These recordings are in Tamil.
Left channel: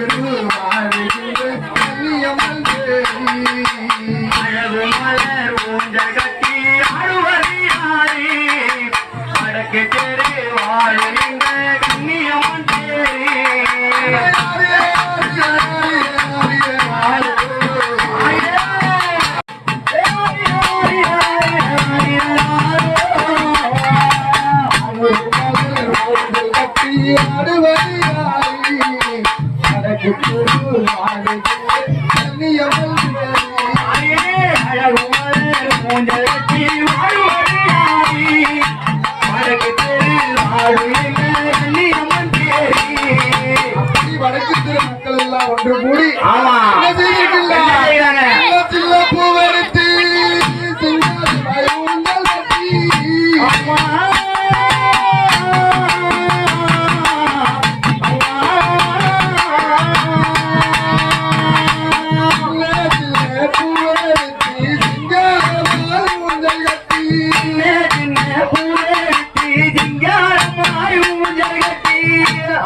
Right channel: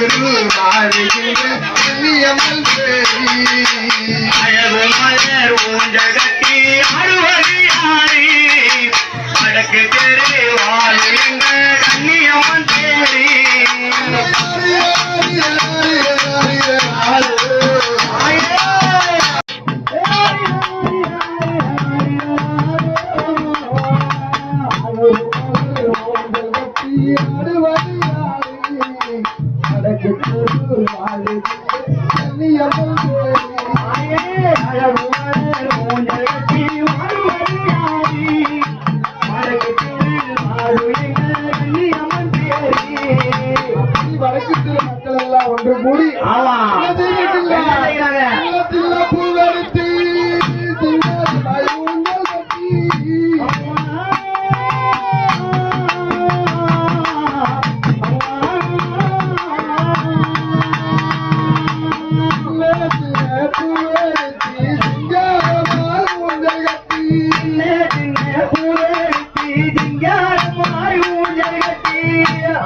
திரு மாளிகையே புண்ணியமல்வே அழகு வாழ்கின்ற மக்கள் எல்லாம் ஒன்று கூடி ஆமா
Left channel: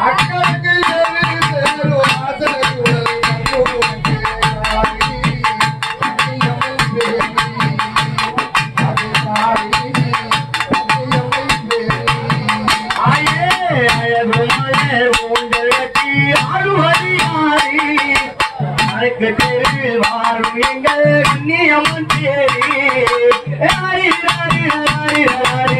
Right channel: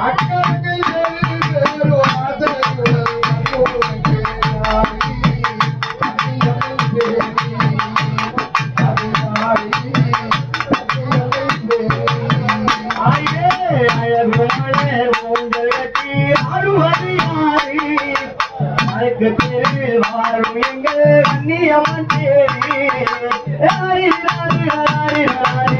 அக்கறைக்கு தேவி ஹரி ஹரி ஹரி ஹரி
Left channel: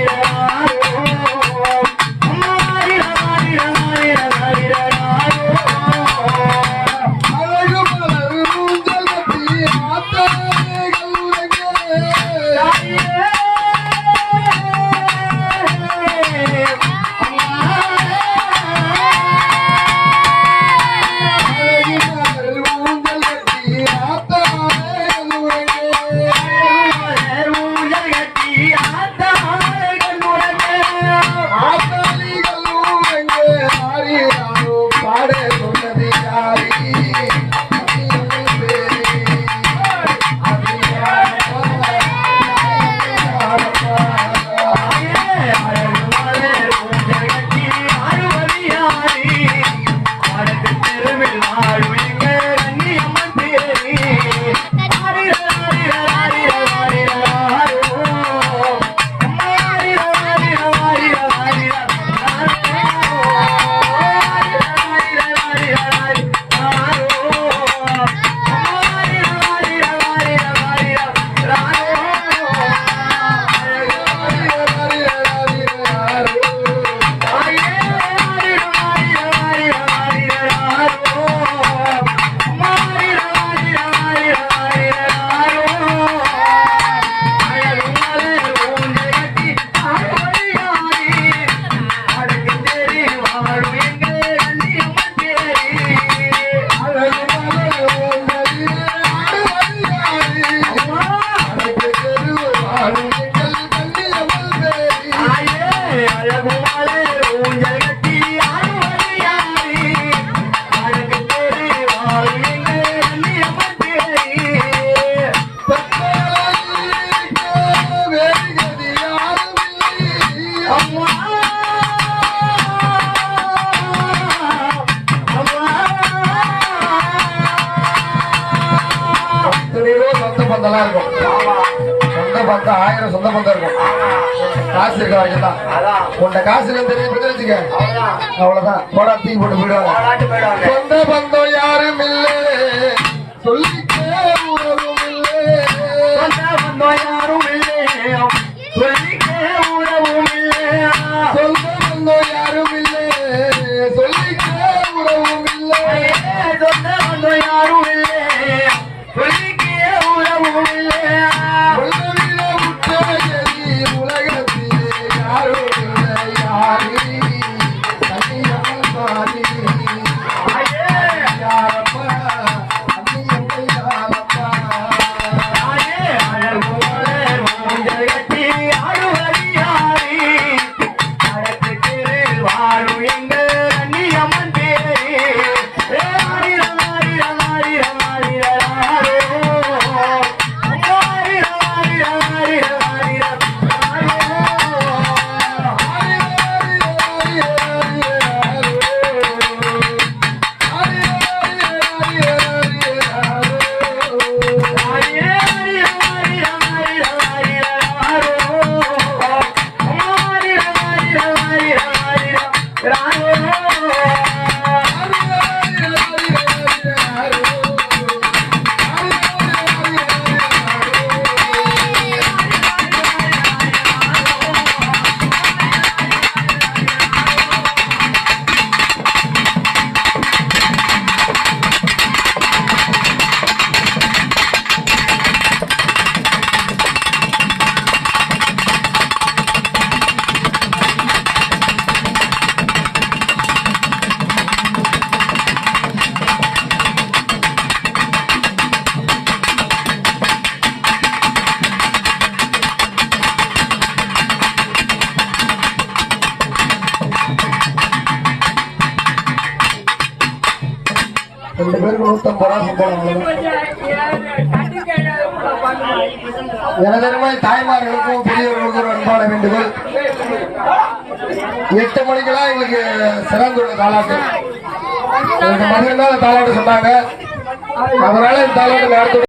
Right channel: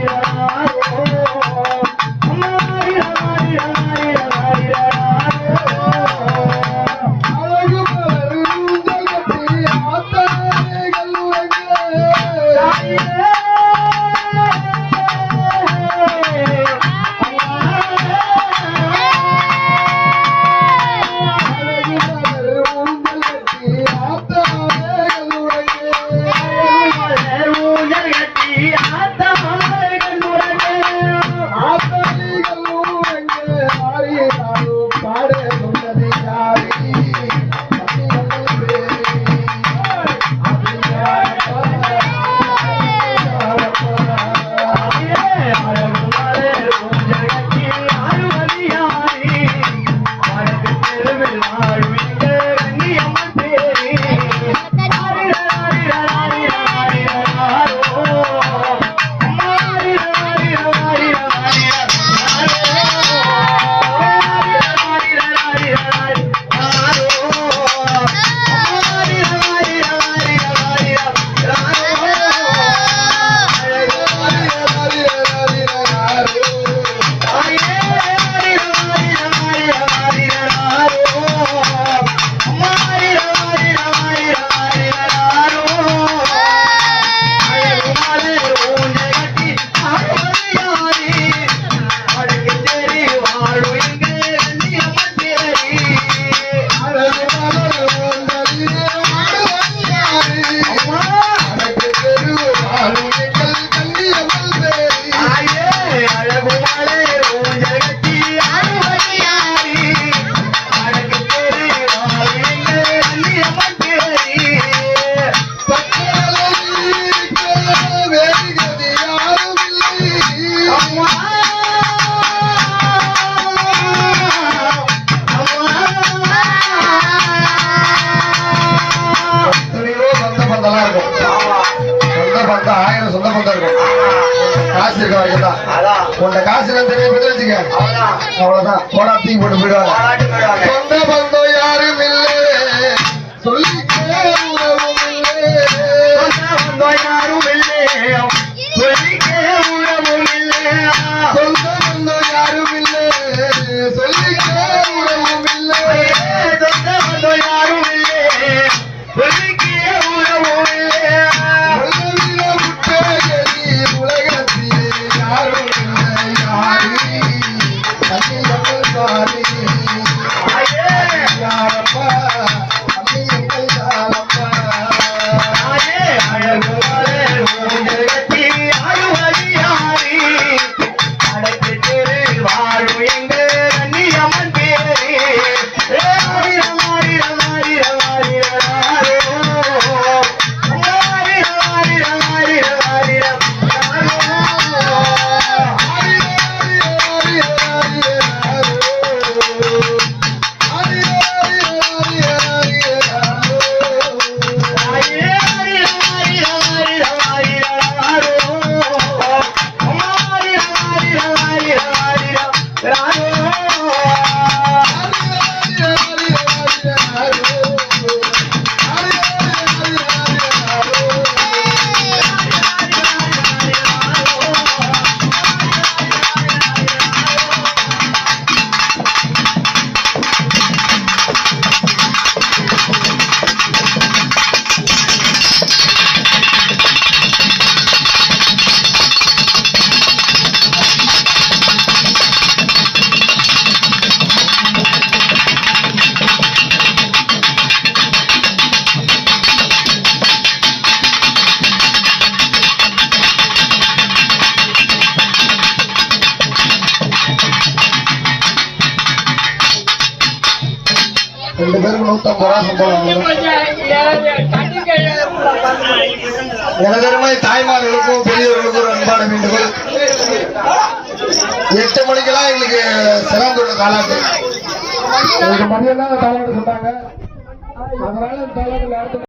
சொந்த பந்தம் இருக்கும். காசு இருக்காங்க தான் உன்ட காசு எல்லாம் தெரிய பத்தி வச்சுக்க அவ்வளவுதான். போடா தீ போட்டு போயிடுவாங்க சொந்த பந்தம் யாரும் இல்லை. சொல்லி யாரும் இல்லை. ரெண்டு பேரும் நூத்தம்பது ரூபா சம்பளம் எனதருமை தாய்மார்களுக்கும் பெரியவர்களுக்கும் ஒரு அன்பான வேண்டுகோள். எட்டு மணிக்கெல்லாம் எங்களுக்கு சிறந்துள்ள தாலாட்டு. உங்களுக்கு மதியம் தான் தாளாட்டு சொன்னாங்க. அதனால இந்த தாலாட்டு